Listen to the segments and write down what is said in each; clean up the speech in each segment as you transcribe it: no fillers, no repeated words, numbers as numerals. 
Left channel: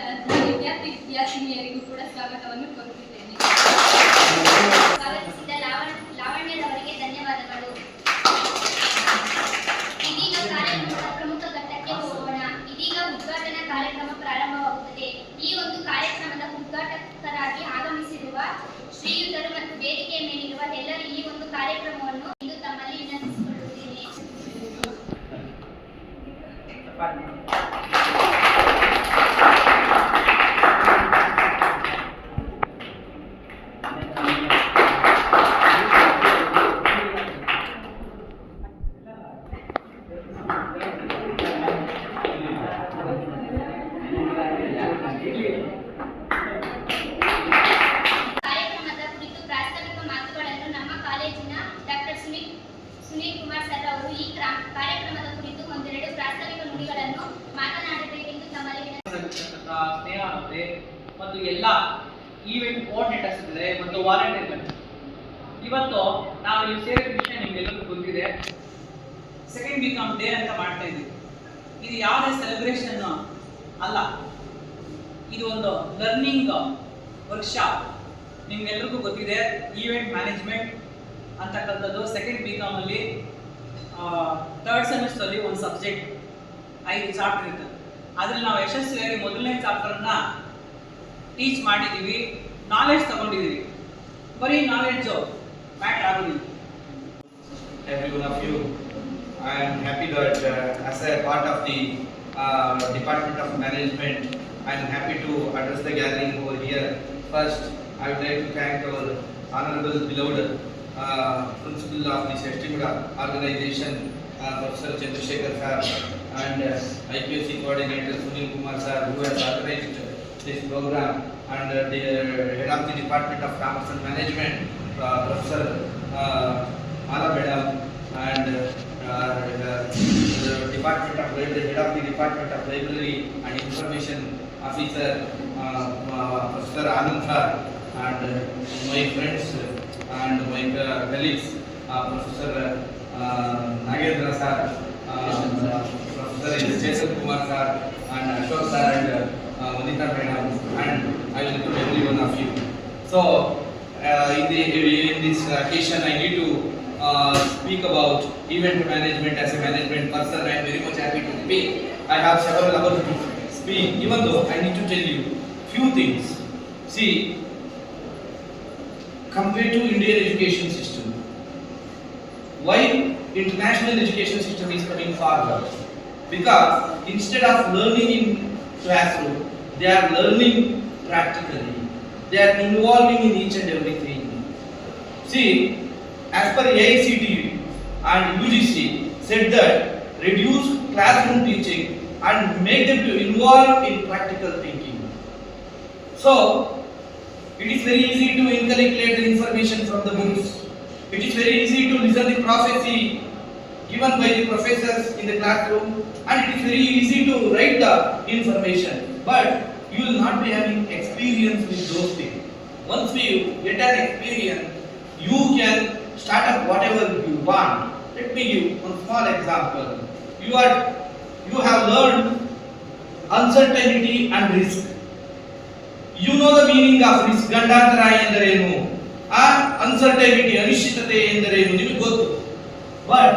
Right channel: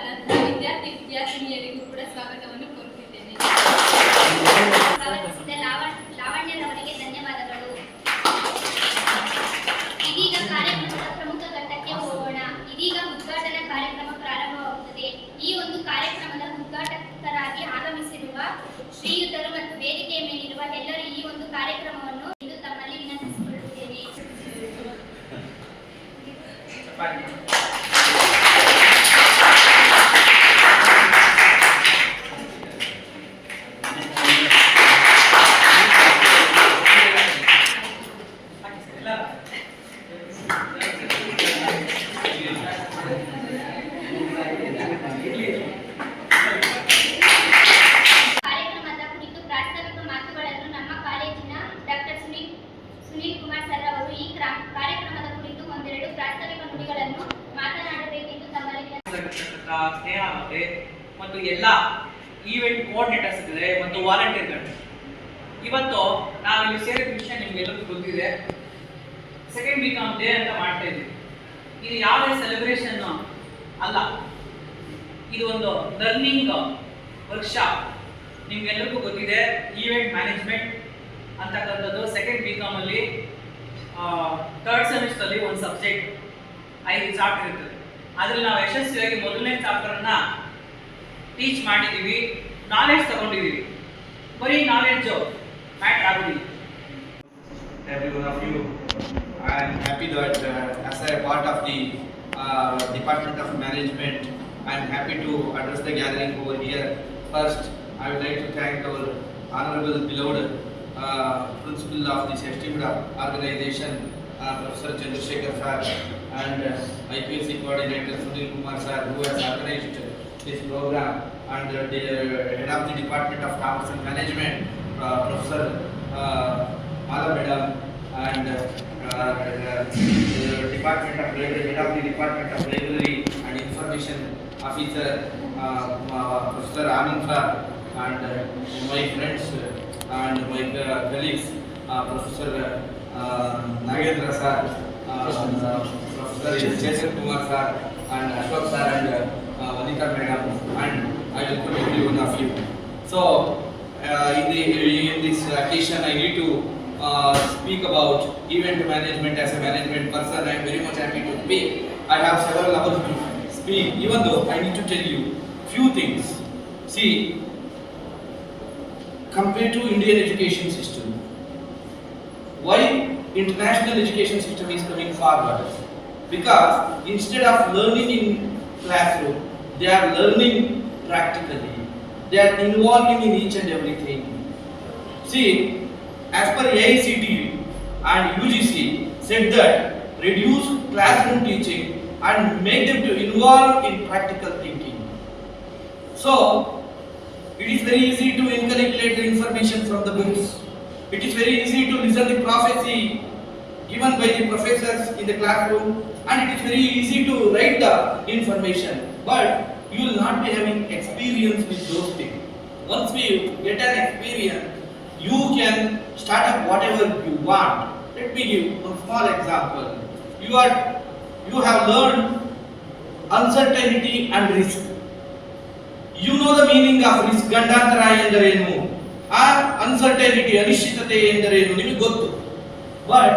ಆದಂತಹ ವಿದ್ಯಾರ್ಥಿನಿಯರಿಗೂ ಕೂಡ ಸ್ವಾಗತವನ್ನು ಕೋರುತ್ತಿದ್ದೇನೆ. ಸ್ವಾಗತಿಸಿದ ಲಾವಣ್ಯರವರಿಗೆ ಧನ್ಯವಾದಗಳು. ಇದೀಗ ಕಾರ್ಯಕ್ರಮದ ಪ್ರಮುಖ ಘಟ್ಟಕ್ಕೆ ಹೋಗೋಣ. ಇದೀಗ ಉದ್ಘಾಟನಾ ಕಾರ್ಯಕ್ರಮ ಪ್ರಾರಂಭವಾಗುತ್ತದೆ. ಈ ಒಂದು ಕಾರ್ಯಕ್ರಮದ ಉದ್ಘಾಟಕರಾಗಿ ಆಗಮಿಸಿರುವ ಶ್ರೀಯುತರು ಮತ್ತು ವೇದಿಕೆಯ ಮೇಲಿರುವ ಎಲ್ಲರೂ ಈ ಒಂದು ಕಾರ್ಯಕ್ರಮವನ್ನು ಇಂದು ತಮ್ಮಲ್ಲಿ ವಿನಂತಿಸಿಕೊಳ್ಳುತ್ತೇನೆ. ಕಾರ್ಯಕ್ರಮದ ಕುರಿತು ಪ್ರಾಸ್ತಾವಿಕ ಮಾತುಗಳನ್ನು ನಮ್ಮ ಕಾಲೇಜಿನ ಡಾಕ್ಟರ್ ಸುನೀಲ್ ಕುಮಾರ್ ಸರ್ ಅವರು ಈ ಕಾರ್ಯಕ್ರಮದ ಕುರಿತು ಒಂದೆರಡು ಪ್ರಾಸ್ತಾವಿಕ ನುಡಿಗಳನ್ನು ಮಾತನಾಡಬೇಕೆಂದು ತಮ್ಮಲ್ಲಿ ಸ್ನೇಹ ಮತ್ತು ಎಲ್ಲ ಈವೆಂಟ್ ಕೋಆರ್ಡಿನೇಟರ್ಸ್ ಇದ್ದಾರೆ ಮತ್ತು ವಾಲಂಟಿಯರ್ಗಳು. ಇವತ್ತು ನಾವು ಇಲ್ಲಿ ಸೇರಿದ ವಿಷಯ ನಿಮ್ಗೆಲ್ಲರಿಗೂ ಗೊತ್ತಿದೆ. ಸೆಕೆಂಡ್ ವೀಕ್ ಆನ್ ಡೇ ಅಂತ ಮಾಡ್ತಾ ಇದ್ದೀವಿ. ಇದು ಯಾವುದೇ ಸೆಲೆಬ್ರೇಷನ್ ಅಲ್ಲ, ಇದು ಒಂದು ಲರ್ನಿಂಗ್ ವರ್ಕ್ಶಾಪ್. ನಿಮ್ಗೆಲ್ಲರಿಗೂ ಗೊತ್ತಿದೆ ಈವೆಂಟ್ ಮ್ಯಾನೇಜ್ಮೆಂಟ್ ಅಂತಕ್ಕಂಥದ್ದು ಸೆಕೆಂಡ್ ಬಿ ಕಾಮಲ್ಲಿ ಥರ್ಡ್ ಸೆಮಿಸ್ಟರಲ್ಲಿ ಒಂದು ಸಬ್ಜೆಕ್ಟ್ 5 ಚಾಪ್ಟರ್ ಇರ್ತದೆ. ಅದ್ರಲ್ಲಿ ನಾವು ಯಶಸ್ವಿಯಾಗಿ ಮೊದಲನೇ ಚಾಪ್ಟರ್ನ ಟೀಚ್ ಮಾಡಿದ್ದೀವಿ, ನಾಲೆಡ್ಜ್ ತಗೊಂಡಿದ್ದೀವಿ. ಬರೀ ನಾಲೆಡ್ಜು ಮ್ಯಾಟರ್ ಆಗೋದಿಲ್ಲ. Every one of you, I am happy that as a part of the Department of Management, I am happy to address the gathering over here. First, I would like to thank our honorable beloved principal of the Seshtiguda organization, Professor Chandrasekhar sir, and IPSC coordinator Sunil Kumar sir, who has organized this program, and the head of the Department of Commerce and Management, Professor Mala Madam, and the Department of Library, head of the Department of Library and Information Officer, Professor Anand sir, and my friends and my colleagues, Professor Nagendra sir, Professor Jason Kumar sir, and Ashok sir, and Vanita madam, and I welcome every one of you. So, in this occasion, I need to speak about event management. As a management person, I am very much happy to speak. I have several hours to speak, even though I need to tell you few things. See, compared to Indian education system, why international education system is coming forward? Because instead of learning in classroom, they are learning practically. They are involving in each and everything. See, as per AICTE and UGC said that reduce classroom teaching and make them to involve in practical thinking. So, it is very easy to inculcate the information from the books. It is very easy to listen the prophecy given by the professors in the classroom, and it is very easy to write the information. But you will not be having experience with those things. Once you get an experience, you can start up whatever you want. Let me give one small example. You have learned uncertainty and risk. You know the meaning of risk. ಗಂಡಾಂತರ ಎಂದರೇನು, uncertainty ಅನಿಶ್ಚಿತತೆ ಎಂದರೇನು ನಿಮಗೆ ಗೊತ್ತು. But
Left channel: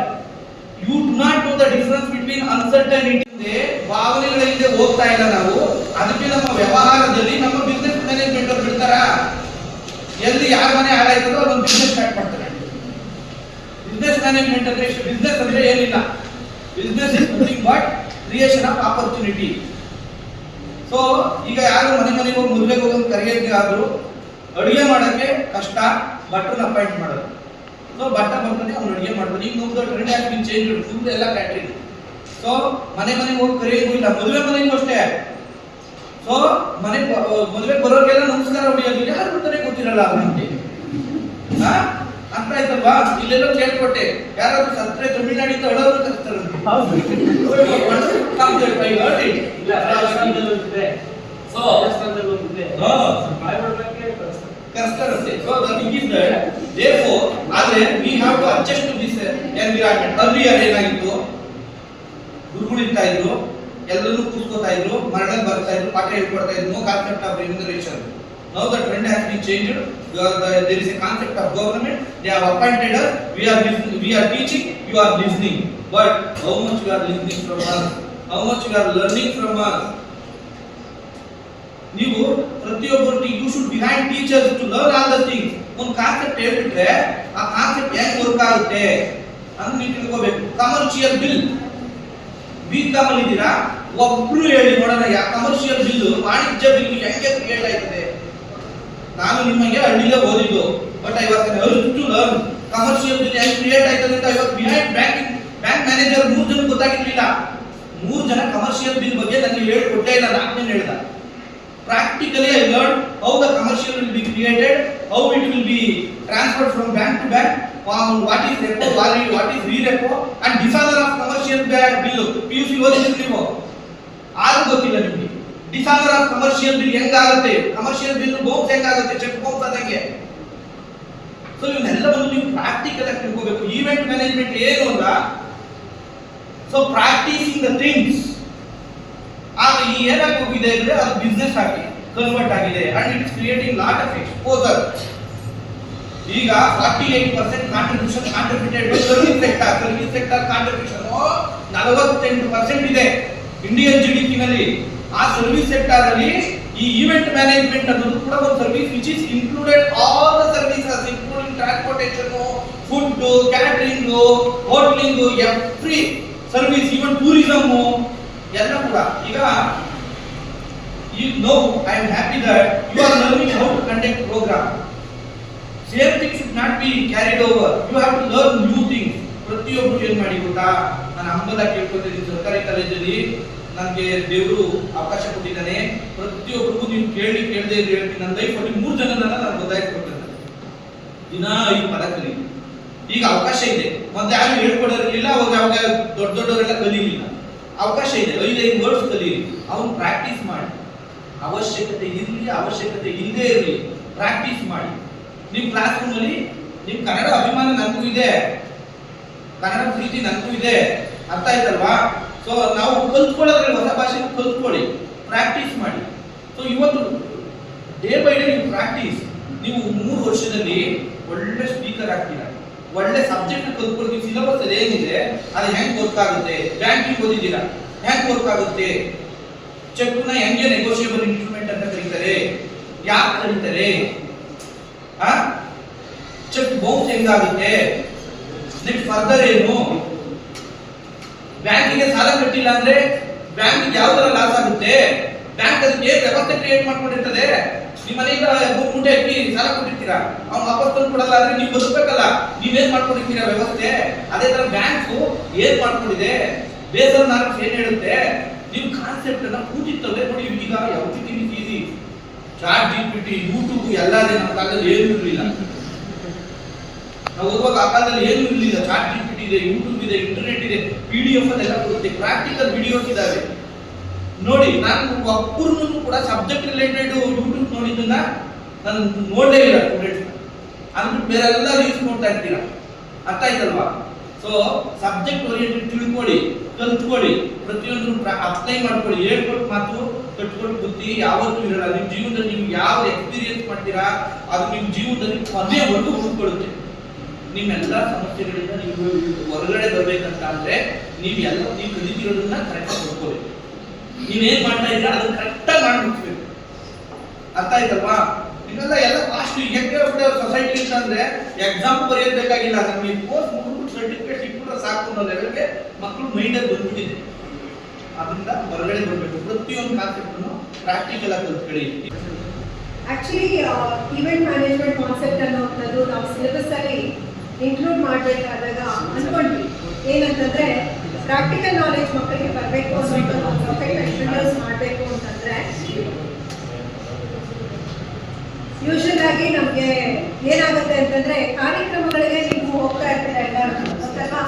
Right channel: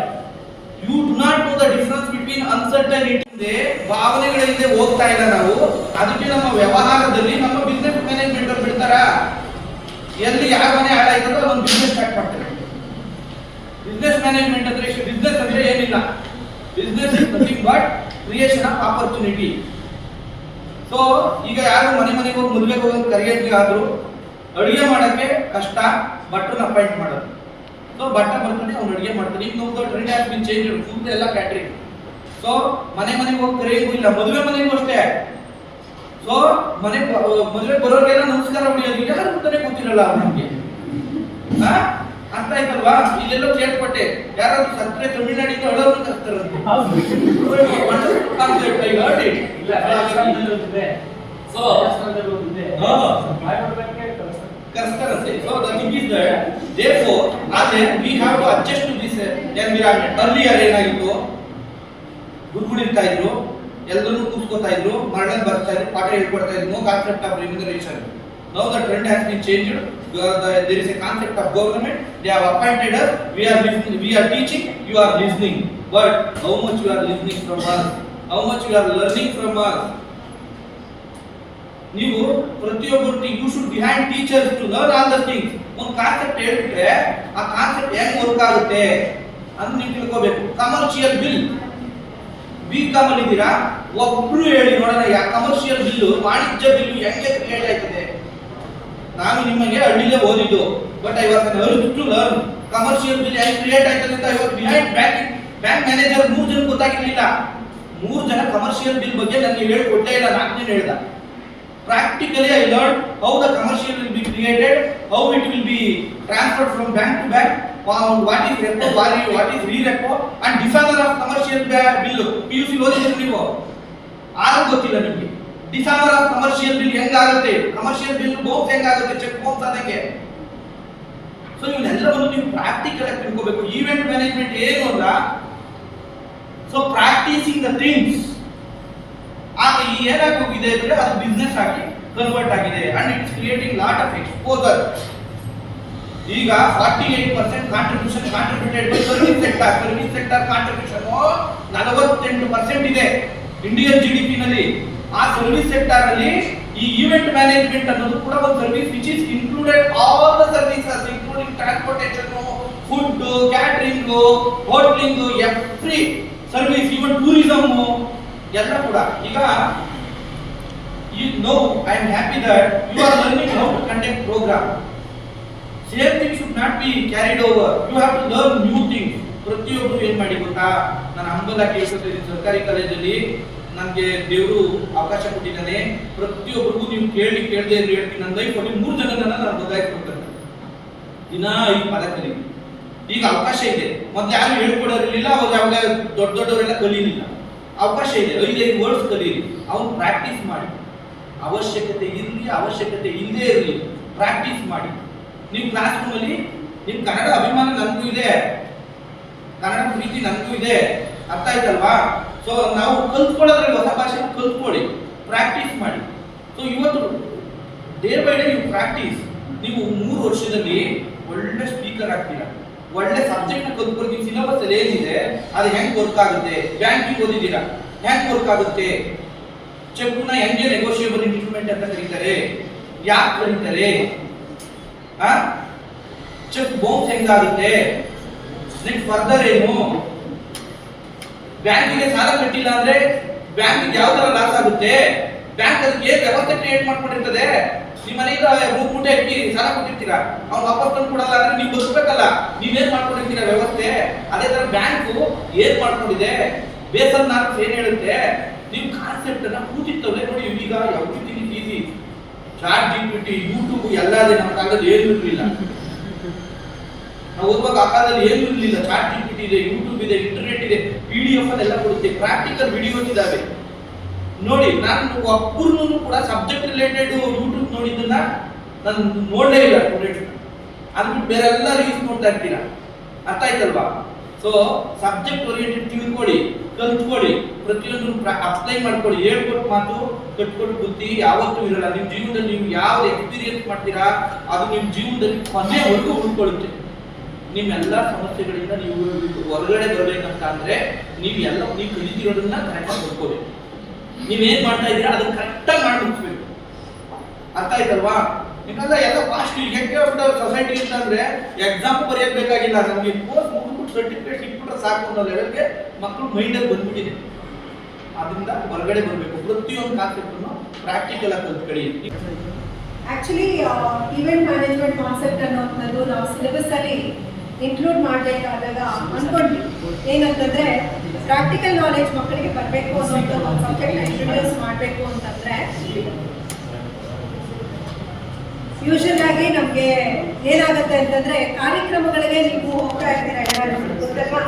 you do not know the difference between uncertainty. ಭಾವನೆಗಳಿಂದ ಹೋಗ್ತಾ ಇಲ್ಲ ನಾವು. ಅದಕ್ಕೆ ನಮ್ಮ ವ್ಯವಹಾರದಲ್ಲಿ ನಮ್ಮ ಬಿಸ್ನೆಸ್ ಮ್ಯಾನೇಜ್ಮೆಂಟ್ ಅವ್ರು ಬಿಡ್ತಾರ, ಎಲ್ಲಿ ಯಾರ ಮನೆ ಹಾಳಾಯ್ತದೋ ಅದೊಂದು ಬಿಸ್ನೆಸ್ ಸ್ಟಾರ್ಟ್ ಮಾಡ್ತಾರೆ. ಬಿಸ್ನೆಸ್ ಮ್ಯಾನೇಜ್ಮೆಂಟ್ ಅಂದ್ರೆ ಇಷ್ಟು. ಬಿಸ್ನೆಸ್ ಅಂದ್ರೆ ಏನಿಲ್ಲ, business is nothing but creation of opportunity. So ಈಗ ಯಾರು ಮನೆಗೆ ಹೋಗಿ ಮದುವೆಗೆ ಹೋಗೋದು ಕರಿಯಕ್ಕೆ ಆದ್ರು ಅಡುಗೆ ಮಾಡೋಕ್ಕೆ ಕಷ್ಟ, ಭಟ್ರನ್ನ ಅಪಾಯಿಂಟ್ ಮಾಡೋದು. ಸೊ ಭಟ್ಟ ಬರ್ತಾನೆ, ಅವ್ನು ಅಡುಗೆ ಮಾಡ್ತಾನೆ. ಈಗ ನೋಡಿದ trend has been change, full ಎಲ್ಲ ಕ್ಯಾಟ್ರಿಂಗ್. ಸೊ ಮನೆಗೆ ಹೋಗಿ ಕರೆಯೋದು ಇಲ್ಲ, ಮದುವೆ ಮನೆಗೂ ಅಷ್ಟೇ. ಸೊ ಮದುವೆಗೆ ಬರೋರಿಗೆಲ್ಲ ನಮಸ್ಕಾರ ಹೊಡಿಯೋದು ಯಾರು ಬರ್ತಾನೆ ಗೊತ್ತಿರಲ್ಲ ನಮಗೆ. ಅರ್ಥ ಆಯ್ತಲ್ವಾ? ಇಲ್ಲೆಲ್ಲ ಕೇಳ್ಕೊಟ್ಟೆ, ಯಾರಾದ್ರೂ ಸತ್ರೆ ತಮಿಳ್ನಾಡಿಂದ ಅಡೋರು ಕರ್ತಾರಂತೆ. ಕರ್ಸ್ತಾರಂತೆ. So the thing is that therefore ಆದ್ರೆ we have to adjust to this environment. Earlier ಏನಾಗಿತ್ತು, ಗುರುಗಳು ಇರ್ತಾ ಇದ್ರು, ಎಲ್ಲರೂ ಕೂತ್ಕೋತಾ ಇದ್ರು, ಮರಳಲ್ಲಿ ಬರ್ತಾ ಇದ್ರು, ಪಾಠ ಹೇಳ್ಕೊಡ್ತಾ ಇದ್ರು. No concept of remuneration. Now the trend has been changed. There is a concept of government. They have appointed us. We are listening. We are teaching. You are listening. But how much you are listening from us? How much you are learning from us? ನೀವು ಪ್ರತಿಯೊಬ್ಬರು you should behind teachers to learn all the things. ಒಂದು concept ಹೇಳ್ಬಿಟ್ರೆ ಆ concept ಹೆಂಗ್ work ಆಗುತ್ತೆ ಅಂತ ನೀವು ತಿಳ್ಕೋಬೇಕು. ಕಮರ್ಷಿಯಲ್ ಬಿಲ್ B.Com ಅಲ್ಲಿ ಇದ್ದೀರಾ, ಒಬ್ರು ಹೇಳಿ ನೋಡೋಣ, ಯಾವ ಕಮರ್ಷಿಯಲ್ ಬಿಲ್ಲು, ವಾಣಿಜ್ಯ ಬಿಲ್ಲು ಹೆಂಗೆ ಕ್ರಿಯೇಟ್ ಆಯ್ತದೆ? ನಾನು ನಿಮಗೆ ಹಳ್ಳಿಲೇ ಓದಿದ್ದು, but I was urge to learn commercial bill ಹೆಂಗೆ ಕ್ರಿಯೇಟ್ ಆಯ್ತದೆ ಅಂತ. I was behind bank manager 3 ಜನ ಗೊತ್ತಾಗಿರ್ಲಿಲ್ಲ. 3 ಜನ ಕಮರ್ಷಿಯಲ್ ಬಿಲ್ ಬಗ್ಗೆ ನನಗೆ ಹೇಳ್ಕೊಟ್ಟೇ ಇಲ್ಲ, 4ನೇ ಹೇಳ್ದ. Practically I learned how the commercial will be created, how it will be transferred from bank to bank, what is repo, what is re-repo, and dishonour of commercial bill. PUC ಓದಿದ್ರೆ ನೀವು ಆರು ಗೊತ್ತಿಲ್ಲ ನಿಮಗೆ. dishonour of commercial bill ಹೆಂಗಾಗುತ್ತೆ, commercial bill bounce ಹೆಂಗಾಗುತ್ತೆ, cheque bounce ಆದಂಗೆ. So ಇವನ್ನೆಲ್ಲವನ್ನು ನೀವು ಪ್ರಾಕ್ಟಿಕಲ್ ಆಗಿ ತಿಳ್ಕೋಬೇಕು. ಈವೆಂಟ್ ಮ್ಯಾನೇಜ್ಮೆಂಟ್ ಏನು ಅಲ್ಲ, ಸೊ ಪ್ರಾಕ್ಟೀಸಿಂಗ್ ದ ಥಿಂಗ್ಸ್. ಆಗ ಈ ಏನಾಗಿ ಹೋಗಿದೆ ಅಂದ್ರೆ ಅದು ಬಿಸ್ನೆಸ್ ಆಗಿ ಕನ್ವರ್ಟ್ ಆಗಿದೆ, and it is creating lot of exposure. ಈಗ 48% contribution contributed by service sector contribution 48% ಇದೆ ಇಂಡಿಯನ್ GDP ನಲ್ಲಿ. ಆ ಸರ್ವಿಸ್ ಸೆಕ್ಟರ್ ಅಲ್ಲಿ ಈ ಈವೆಂಟ್ ಮ್ಯಾನೇಜ್ಮೆಂಟ್ ಅನ್ನೋದು ಕೂಡ ಒಂದು service which is included all the services including transportation, food, catering, hoteling, every service, even tourism ಎಲ್ಲ ಕೂಡ. ಈಗ you know, I am happy that you are learning how to conduct program. Same thing should not be carried over. You have to learn new things. ಪ್ರತಿಯೊಬ್ಬರು ಏನ್ ಮಾಡಿ ಗೊತ್ತಾ, ನಾನು ಹಂಬಲಕ್ಕೆ ಹೇಳ್ಕೊಳ್ತೀನಿ, ಸರ್ಕಾರಿ ಕಾಲೇಜಲ್ಲಿ ನನಗೆ ದೇವರು ಅವಕಾಶ ಕೊಟ್ಟಿದ್ದಾನೆ. ಪ್ರತಿಯೊಬ್ಬರಿಗೂ ನೀವು ಕೇಳದೆ ಇದ್ರೆ ಹೇಳ್ತೀನಿ, ನನ್ನ ಲೈಫಲ್ಲಿ 3 ಜನರನ್ನ ನಾನು ಬದಲಾಯಿಸ್ಕೊಡ್ತೇನೆ. ದಿನ 5 ಪದ ಕಲಿ. ಈಗ ಅವಕಾಶ ಇದೆ. ಮತ್ತೆ ಯಾರು ಹೇಳ್ಕೊಡೋರಿರ್ಲಿಲ್ಲ, ಅವಾಗ ಯಾವಾಗ ದೊಡ್ಡವರೆಲ್ಲ ಕಲೀಲಿಲ್ಲ. ಅವಕಾಶ ಇದೆ, 5 ವರ್ಡ್ಸ್ ಕಲೀರಿ. ಅವನು ಪ್ರಾಕ್ಟೀಸ್ ಮಾಡಿ. ಅವಶ್ಯಕತೆ ಇರಲಿ, ಅವಶ್ಯಕತೆ ಇಲ್ಲದೆ ಇರಲಿ, ಪ್ರಾಕ್ಟೀಸ್ ಮಾಡಿ. ನಿಮ್ಮ ಕ್ಲಾಸ್ ರೂಮಲ್ಲಿ ನಿಮ್ಮ ಕನ್ನಡ ಅಭಿಮಾನ ನನಗೂ ಇದೆ, ಕನ್ನಡ ಪ್ರೀತಿ ನನಗೂ ಇದೆ, ಅರ್ಥ ಆಯ್ತಲ್ವಾ? ಸೊ ನಾವು ಕಲ್ತ್ಕೊಳ್ಳೋದ್ರಲ್ಲಿ ಹೊಸ ಭಾಷೆ ಕಲ್ತ್ಕೊಳ್ಳಿ, ಪ್ರಾಕ್ಟೀಸ್ ಮಾಡಿ. ಸೊ ಇವತ್ತು ಡೇ ಬೈ ಡೇ ನೀವು ಪ್ರಾಕ್ಟೀಸ್. ನೀವು 3 ವರ್ಷದಲ್ಲಿ ಒಳ್ಳೆ ಸ್ಪೀಕರ್ ಆಗ್ತೀರಾ, ಒಳ್ಳೆ ಸಬ್ಜೆಕ್ಟ್ ನ ಕಲ್ತ್ಕೊಳ್ತೀವಿ. ಸಿಲೆಬಸ್ ಅಲ್ಲಿ ಏನಿದೆ ಅದು ಹೆಂಗ್ ವರ್ಕ್ ಆಗುತ್ತೆ, ಬ್ಯಾಂಕಿಂಗ್ ಓದಿದ್ದೀರಾ ಹೆಂಗ್ ವರ್ಕ್ ಆಗುತ್ತೆ, ಚೆಕ್ ನ ಹೆಂಗೆ ನೆಗೋಷಿಯಬಲ್ ಇನ್ಸ್ಟ್ರೂಮೆಂಟ್ ಅಂತ ಕರೀತಾರೆ, ಯಾಕೆ ಕರೀತಾರೆ, ಚೆಕ್ ಬೌನ್ಸ್ ಹೆಂಗಾಗುತ್ತೆ, ನೆಕ್ಸ್ಟ್ ಫರ್ದರ್ ಏನು, ಬ್ಯಾಂಕಿಗೆ ಸಾಲ ಕಟ್ಟಿಲ್ಲ ಅಂದ್ರೆ ಬ್ಯಾಂಕಿಗೆ ಯಾವ ತರ ಲಾಸ್ ಆಗುತ್ತೆ, ಬ್ಯಾಂಕ್ ಅದಕ್ಕೆ ವ್ಯವಸ್ಥೆ ಕ್ರಿಯೇಟ್ ಮಾಡ್ಕೊಂಡಿರ್ತದೆ. ನಿಮ್ಮ ಮನೆಯಿಂದ 3 ಮೂಟೆ ಅಕ್ಕಿ ಸಾಲ ಕೊಟ್ಟಿರ್ತೀರಾ, ಅವ್ನು ವಾಪಸ್ ತಂದು ಕೊಡಲ್ಲ ಅಂದ್ರೆ ನೀವು ಬದುಕಬೇಕಲ್ಲ, ನೀವೇನ್ ಮಾಡ್ಕೊಂಡಿರ್ತೀರಾ ವ್ಯವಸ್ಥೆ. ಅದೇ ತರ ಬ್ಯಾಂಕು ಏನ್ ಮಾಡ್ಕೊಂಡಿದೆ, ಬೇಸಲ್ ನಾರ್ಮ್ಸ್ ಏನ್ ಹೇಳುತ್ತೆ, ನೀವು ಕಾನ್ಸೆಪ್ಟ್ ಅನ್ನ ಕೂತಿತ್ತವ್ರೆ ನೋಡಿ. ಈಗ everything is easy, chat GPT, YouTube ಎಲ್ಲ ಇದೆ. ನಮ್ಮ ಕಾಲದಲ್ಲಿ ಏನು ಇರಲಿಲ್ಲ, ನಾವು ಓದುವಾಗ ಆ ಕಾಲದಲ್ಲಿ ಏನು ಇರಲಿಲ್ಲ. ಚಾಟ್ GPT ಇದೆ, ಯೂಟ್ಯೂಬ್ ಇದೆ, ಇಂಟರ್ನೆಟ್ ಇದೆ, PDF ಅದೆಲ್ಲ ಕೊಡುತ್ತೆ, ಪ್ರಾಕ್ಟಿಕಲ್ ವಿಡಿಯೋಸ್ ಇದಾವೆ ನೋಡಿ. ನಾನು ಒಬ್ಬರನ್ನು ಕೂಡ ಸಬ್ಜೆಕ್ಟ್ ರಿಲೇಟೆಡ್ ಯೂಟ್ಯೂಬ್ ನೋಡಿದ್ದನ್ನ ನಾನು ನೋಡಲೇ ಇಲ್ಲ ಸ್ಟೂಡೆಂಟ್ಸ್. ಅಂದ್ಬಿಟ್ಟು ಬೇರೆ ಎಲ್ಲ ರೀಲ್ಸ್ ನೋಡ್ತಾ ಇರ್ತೀರಾ, ಅರ್ಥ ಆಯ್ತಲ್ವಾ? ಸೊ ಸಬ್ಜೆಕ್ಟ್ ಓರಿಯೆಂಟೆಡ್ ತಿಳ್ಕೊಳ್ಳಿ, ಕಲ್ತ್ಕೊಳ್ಳಿ, ಪ್ರತಿಯೊಂದು ಅಪ್ಲೈ ಮಾಡ್ಕೊಳ್ಳಿ. ಹೇಳ್ಕೊಟ್ಟು ಮಾತು ಕಟ್ಕೊಂಡು ಬುದ್ಧಿ ಯಾವತ್ತೂ ಇರಲ್ಲ. ನಿಮ್ಮ ಜೀವನದಲ್ಲಿ ನೀವು ಯಾವ್ದು ಎಕ್ಸ್ಪೀರಿಯನ್ಸ್ ಮಾಡ್ತೀರಾ ಅದು ನಿಮ್ಮ ಜೀವನದಲ್ಲಿ ಕೊನೆವರೆಗೂ ಉಳ್ಕೊಳ್ಳುತ್ತೆ. ನಿಮ್ಮೆಲ್ಲ ಸಮಸ್ಯೆಗಳಿಂದ ನೀವು ಹೊರಗಡೆ ಬರ್ಬೇಕಂತ ಅಂದ್ರೆ ನೀವು ಕಲಿತಿರೋದನ್ನ ಕರೆಕ್ಟಾಗಿ ನೋಡ್ಕೋಬೇಕು. ನೀವೇನ್ ಮಾಡ್ತಾ ಇದ್ದೀರಾ ಅದನ್ನ ಕರೆಕ್ಟಾಗಿ ಮಾಡಿ ಮುಗಿಸ್ಬೇಕು, ಅರ್ಥ ಆಯ್ತಲ್ವಾ? ನಿಮ್ಮೆಲ್ಲ ಎಲ್ಲ ಫಾಸ್ಟ್ ಹೆಂಗೆ ಸೊಸೈಟಿ ಅಂತಂದ್ರೆ ಎಕ್ಸಾಮ್ ಬರೆಯಬೇಕಾಗಿಲ್ಲ, ನಮಗೆ ಕೋರ್ಸ್ ಮುಗಿದ್ಬಿಟ್ಟು ಸರ್ಟಿಫಿಕೇಟ್ ಸಿಕ್ಬಿಟ್ರೆ ಸಾಕು ಅನ್ನೋ ಲೆವೆಲ್ಗೆ ಮಕ್ಕಳು ಮೈಂಡಲ್ಲಿ ಬಂದ್ಬಿಟ್ಟಿದೆ. ಅದರಿಂದ ಹೊರಗಡೆ ಬರಬೇಕು. ಪ್ರತಿಯೊಂದು ಕಾನ್ಸೆಪ್ಟನ್ನು ಪ್ರಾಕ್ಟಿಕಲ್ ಆಗಿ ಕಲ್ತ್ಕೊಳ್ಳಿ. ಆಕ್ಚುಲಿ ಈವೆಂಟ್ ಮ್ಯಾನೇಜ್ಮೆಂಟ್ ಕಾನ್ಸೆಪ್ಟ್ ಅನ್ನೋದು ನಾವು ಸಿಲೆಬಸ್ ಅಲ್ಲಿ ಇನ್ಕ್ಲೂಡ್ ಮಾಡಬೇಕಾದಾಗ ಅನ್ಕೊಂಡ್ವಿ ಏನಂತಂದ್ರೆ ಪ್ರಾಕ್ಟಿಕಲ್ ನಾಲೆಜ್ ಮಕ್ಕಳಿಗೆ ಬರಬೇಕು ಅನ್ನೋ ಸಬ್ಜೆಕ್ಟ್ ಇಂಟ್ರೊಡ್ಯೂಸ್ ಮಾಡಬೇಕು ಅಂತಂದ್ರೆ ಯೂಶಲ್ ಆಗಿ ನಮಗೆ ಏನಾಗುತ್ತೆ ಅಂತಂದ್ರೆ ಕಾರ್ಯಕ್ರಮಗಳಿಗೆ ನೀವು ಹೋಗ್ತಾ ಇರ್ತೀರಾ, ಎಲ್ಲರೂ ಗೊತ್ತಲ್ವಾ?